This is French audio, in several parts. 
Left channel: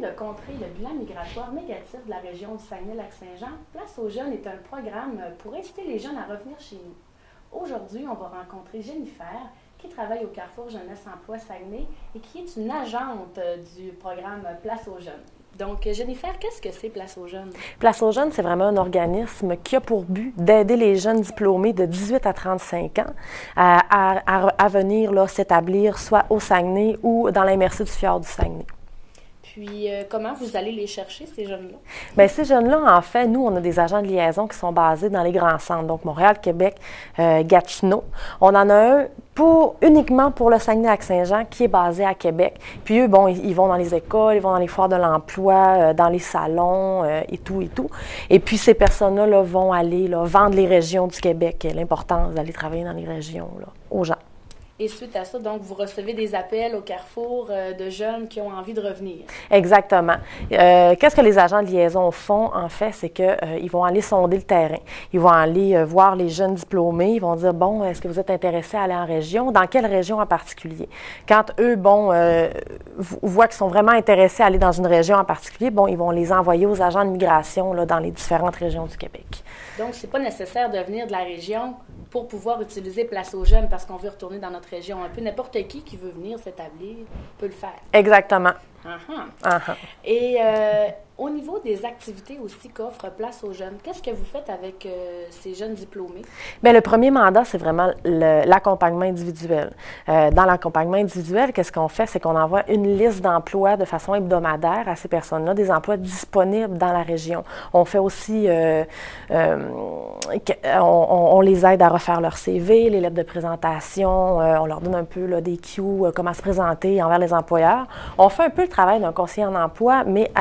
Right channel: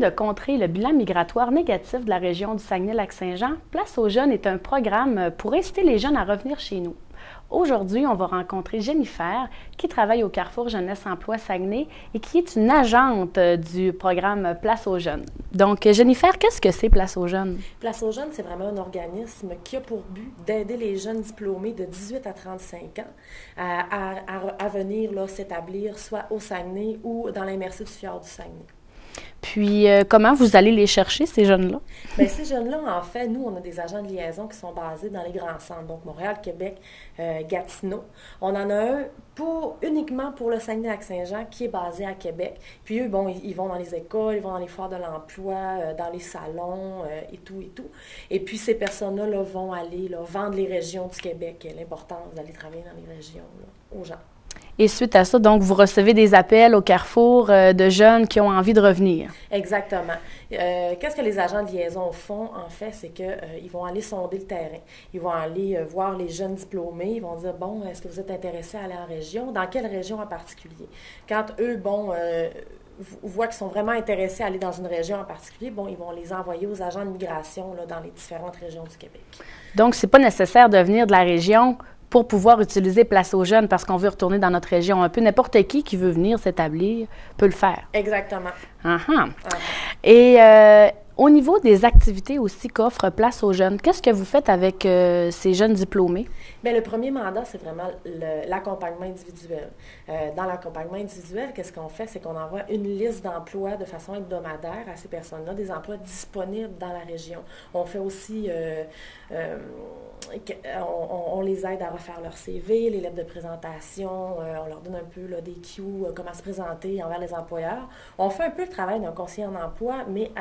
de contrer le bilan migratoire négatif de la région du Saguenay-Lac-Saint-Jean, Place aux jeunes est un programme pour inciter les jeunes à revenir chez nous. Aujourd'hui, on va rencontrer Jennifer, qui travaille au Carrefour Jeunesse Emploi Saguenay et qui est une agente du programme Place aux jeunes. Donc, Jennifer, qu'est-ce que c'est Place aux jeunes? Place aux jeunes, c'est vraiment un organisme qui a pour but d'aider les jeunes diplômés de 18 à 35 ans à venir s'établir soit au Saguenay ou dans la MRC du Fjord du Saguenay. Puis, comment vous allez les chercher, ces jeunes-là? Bien, ces jeunes-là, en fait, nous, on a des agents de liaison qui sont basés dans les grands centres, donc Montréal, Québec, Gatineau. On en a un uniquement pour le Saguenay-Lac-Saint-Jean qui est basé à Québec. Puis eux, bon, ils vont dans les écoles, ils vont dans les foires de l'emploi, dans les salons et tout et tout. Et puis ces personnes-là vont aller vendre les régions du Québec, l'importance d'aller travailler dans les régions aux gens. Et suite à ça, donc, vous recevez des appels au Carrefour de jeunes qui ont envie de revenir. Exactement. Qu'est-ce que les agents de liaison font, en fait, c'est qu'ils vont aller sonder le terrain. Ils vont aller voir les jeunes diplômés. Ils vont dire, bon, est-ce que vous êtes intéressés à aller en région? Dans quelle région en particulier? Quand eux, voient qu'ils sont vraiment intéressés à aller dans une région en particulier, bon, ils vont les envoyer aux agents de migration dans les différentes régions du Québec. Donc, c'est pas nécessaire de venir de la région pour pouvoir utiliser Place aux jeunes parce qu'on veut retourner dans notre région. Un peu n'importe qui veut venir s'établir peut le faire. Exactement. Uh-huh. Uh-huh. Et au niveau des activités aussi qu'offre Place aux jeunes, qu'est-ce que vous faites avec ces jeunes diplômés? Bien, le premier mandat, c'est vraiment l'accompagnement individuel. Dans l'accompagnement individuel, qu'est-ce qu'on fait? C'est qu'on envoie une liste d'emplois de façon hebdomadaire à ces personnes-là, des emplois disponibles dans la région. On fait aussi, on les aide à refaire leur CV, les lettres de présentation, on leur donne un peu des cues, comment se présenter envers les employeurs. On fait un peu le travail d'un conseiller en emploi, mais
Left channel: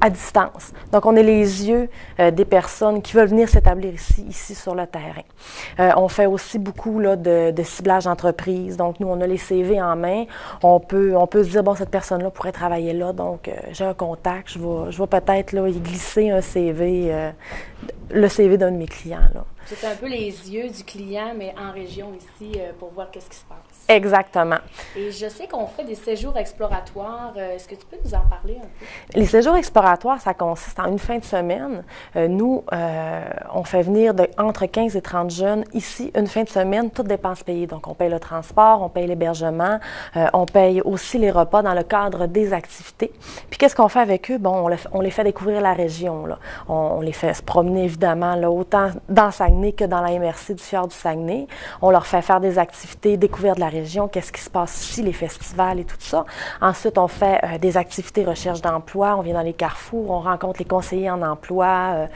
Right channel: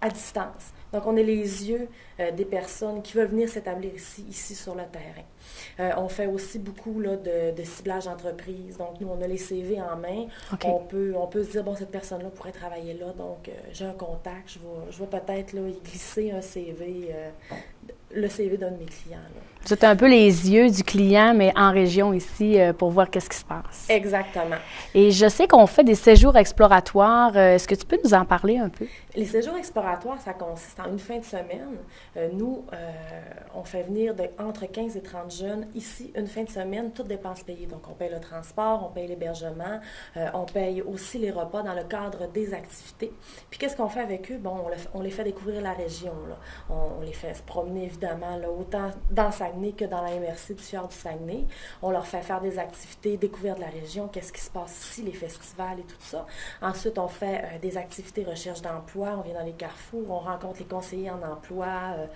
à distance. Donc, on est les yeux des personnes qui veulent venir s'établir ici sur le terrain. On fait aussi beaucoup de ciblage d'entreprise. Donc, nous, on a les CV en main. Okay. On peut se dire, bon, cette personne-là pourrait travailler là. Donc, j'ai un contact. Je vais peut-être y glisser un CV, le CV d'un de mes clients. Vous êtes un peu les yeux du client, mais en région ici, pour voir qu'est-ce qui se passe. Exactement. Et je sais qu'on fait des séjours exploratoires. Est-ce que tu peux nous en parler un peu? Les séjours exploratoires, ça consiste en une fin de semaine. Nous, on fait venir entre 15 et 30 jeunes ici, une fin de semaine, toutes dépenses payées. Donc, on paye le transport, on paye l'hébergement, on paye aussi les repas dans le cadre des activités. Puis, qu'est-ce qu'on fait avec eux? Bon, on les fait découvrir la région. On les fait se promener, évidemment, autant dans Saguenay que dans la MRC du Fjord du Saguenay. On leur fait faire des activités, découvrir de la région, qu'est-ce qui se passe ici, les festivals et tout ça. Ensuite, on fait des activités recherche d'emploi, on vient dans les carrefours, on rencontre les conseillers en emploi.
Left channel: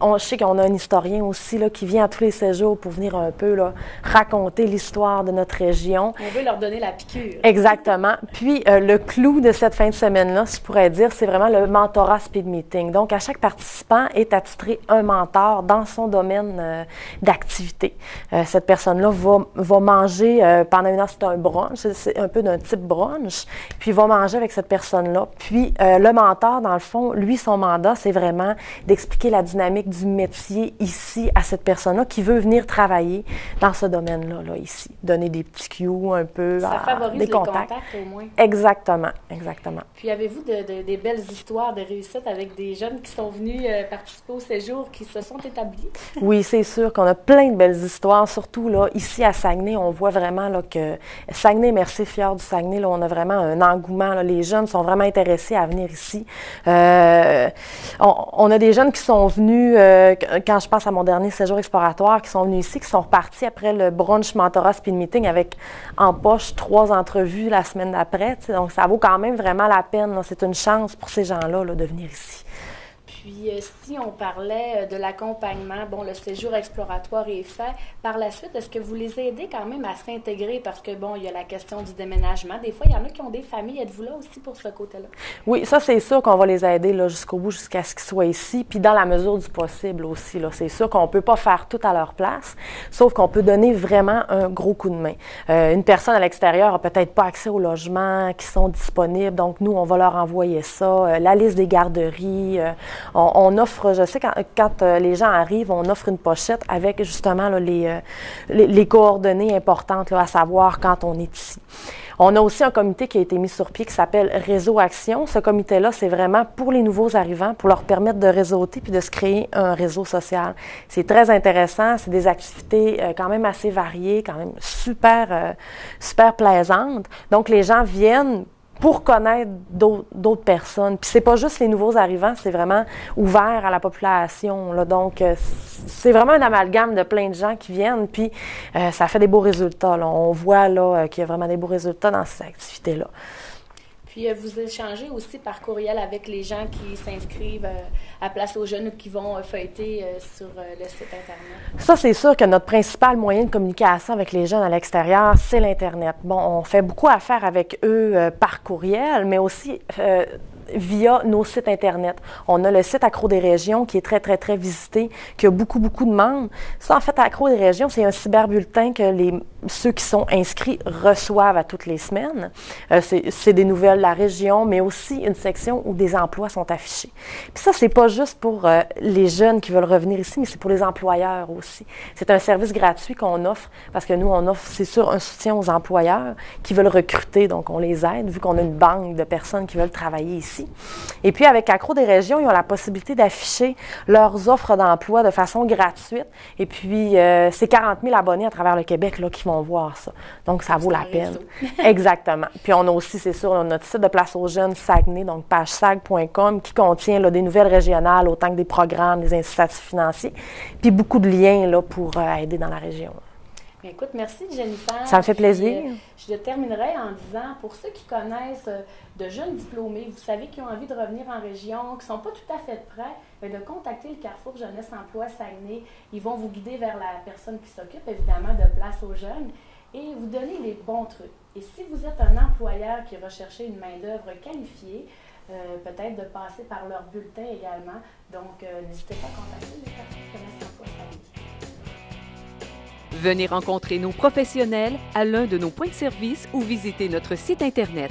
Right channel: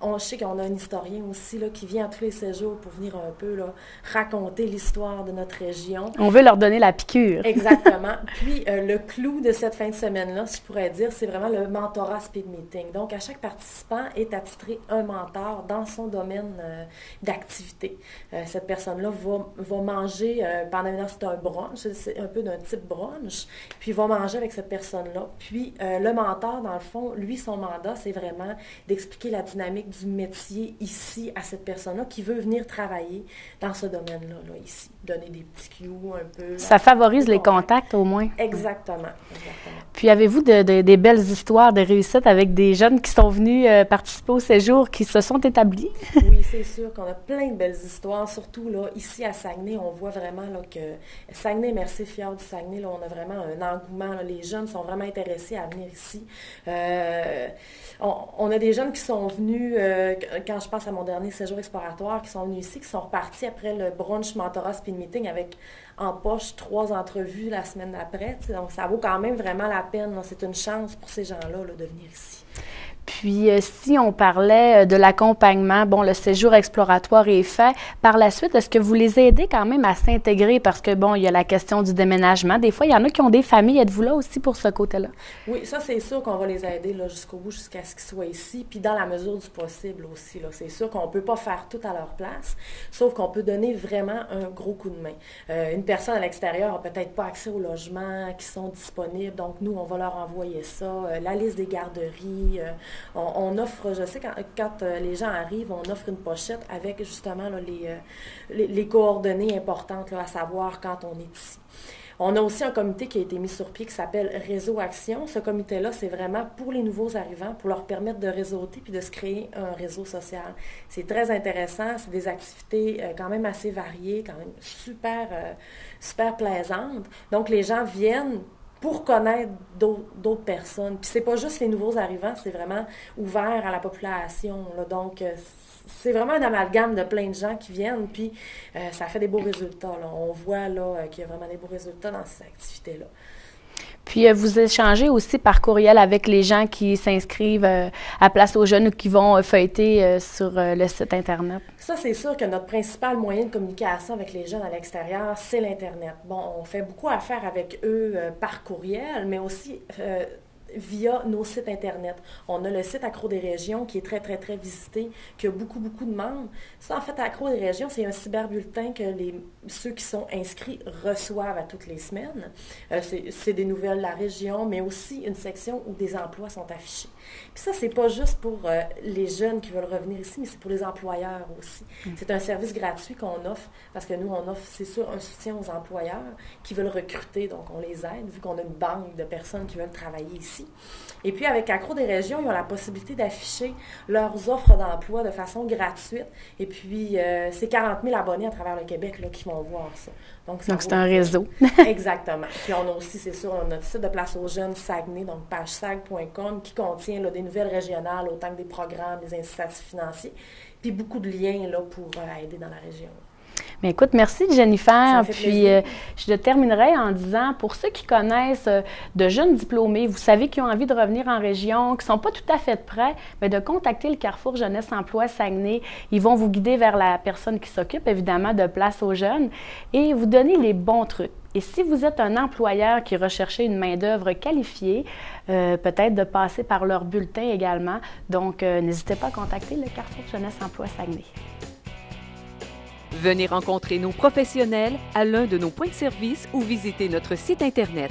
Je sais qu'on a un historien aussi qui vient à tous les séjours pour venir un peu raconter l'histoire de notre région. On veut leur donner la piqûre. Exactement. Puis, le clou de cette fin de semaine-là, si je pourrais dire, c'est vraiment le mentorat speed meeting. Donc, à chaque participant est attitré un mentor dans son domaine d'activité. Cette personne-là va manger pendant une heure, c'est un brunch, c'est un peu d'un type brunch, puis il va manger avec cette personne-là. Puis le mentor, dans le fond, lui, son mandat, c'est vraiment d'expliquer la dynamique du métier ici à cette personne-là qui veut venir travailler dans ce domaine-là, ici. Donner des petits cues un peu. Ça favorise les contacts au moins. Exactement, exactement. Puis avez-vous des belles histoires de réussite avec des jeunes qui sont venus participer au séjour, qui se sont établis? Oui, c'est sûr qu'on a plein de belles histoires, surtout ici à Saguenay, on voit vraiment que Saguenay, MRC Fjord du Saguenay, on a vraiment un engouement. Les jeunes sont vraiment intéressés à venir ici. On a des jeunes qui sont venus, quand je pense à mon dernier séjour exploratoire, qui sont venus ici, qui sont repartis après le brunch mentorat speed meeting avec en poche 3 entrevues la semaine d'après. Donc, ça vaut quand même vraiment la peine. C'est une chance pour ces gens-là de venir ici. Puis, si on parlait de l'accompagnement, bon, le séjour exploratoire est fait. Par la suite, est-ce que vous les aidez quand même à s'intégrer? Parce que, bon, il y a la question du déménagement. Des fois, il y en a qui ont des familles. Êtes-vous là aussi pour ce côté-là? Oui, ça, c'est sûr qu'on va les aider jusqu'au bout, jusqu'à ce qu'ils soient ici. Puis, dans la mesure du possible aussi. C'est sûr qu'on ne peut pas faire tout à leur place, sauf qu'on peut donner vraiment un gros coup de main. Une personne à l'extérieur n'a peut-être pas accès aux logements qui sont disponibles. Donc, nous, on va leur envoyer ça. La liste des garderies. On offre, je sais, quand les gens arrivent, on offre une pochette avec justement les coordonnées importantes à savoir quand on est ici. On a aussi un comité qui a été mis sur pied qui s'appelle Réseau Action. Ce comité-là, c'est vraiment pour les nouveaux arrivants, pour leur permettre de réseauter puis de se créer un réseau social. C'est très intéressant. C'est des activités quand même assez variées, quand même super plaisantes. Donc, les gens viennent pour connaître d'autres personnes. Puis c'est pas juste les nouveaux arrivants, c'est vraiment ouvert à la population, là. Donc, c'est vraiment un amalgame de plein de gens qui viennent, puis ça fait des beaux résultats, là. On voit, là, qu'il y a vraiment des beaux résultats dans ces activités-là. Puis, vous échangez aussi par courriel avec les gens qui s'inscrivent à Place aux Jeunes ou qui vont feuilleter sur le site Internet? Ça, c'est sûr que notre principal moyen de communication avec les jeunes à l'extérieur, c'est l'Internet. Bon, on fait beaucoup affaire avec eux par courriel, mais aussi via nos sites Internet. On a le site Accro des régions qui est très visité, qui a beaucoup de membres. Ça, en fait, Accro des régions, c'est un cyberbulletin que ceux qui sont inscrits reçoivent à toutes les semaines. C'est des nouvelles de la région, mais aussi une section où des emplois sont affichés. Puis ça, c'est pas juste pour les jeunes qui veulent revenir ici, mais c'est pour les employeurs aussi. C'est un service gratuit qu'on offre, parce que nous, on offre, c'est sûr, un soutien aux employeurs qui veulent recruter, donc on les aide, vu qu'on a une banque de personnes qui veulent travailler ici. Et puis, avec Accro des régions, ils ont la possibilité d'afficher leurs offres d'emploi de façon gratuite. Et puis, c'est 40 000 abonnés à travers le Québec là, qui vont voir ça. Donc, ça vaut la peine. Réseau. Exactement. Puis, on a aussi, c'est sûr, notre site de Place aux Jeunes Saguenay, donc pagesag.com, qui contient là, des nouvelles régionales, autant que des programmes, des incitatifs financiers, puis beaucoup de liens là, pour aider dans la région. Bien, écoute, merci Jennifer. Ça me fait plaisir. Je terminerai en disant, pour ceux qui connaissent de jeunes diplômés, vous savez, qui ont envie de revenir en région, qui ne sont pas tout à fait prêts, bien, de contacter le Carrefour Jeunesse Emploi Saguenay. Ils vont vous guider vers la personne qui s'occupe, évidemment, de Place aux Jeunes et vous donner les bons trucs. Et si vous êtes un employeur qui recherche une main-d'œuvre qualifiée, peut-être de passer par leur bulletin également. Donc, n'hésitez pas à contacter le Carrefour Jeunesse Emploi Saguenay. Venez rencontrer nos professionnels à l'un de nos points de service ou visiter notre site Internet.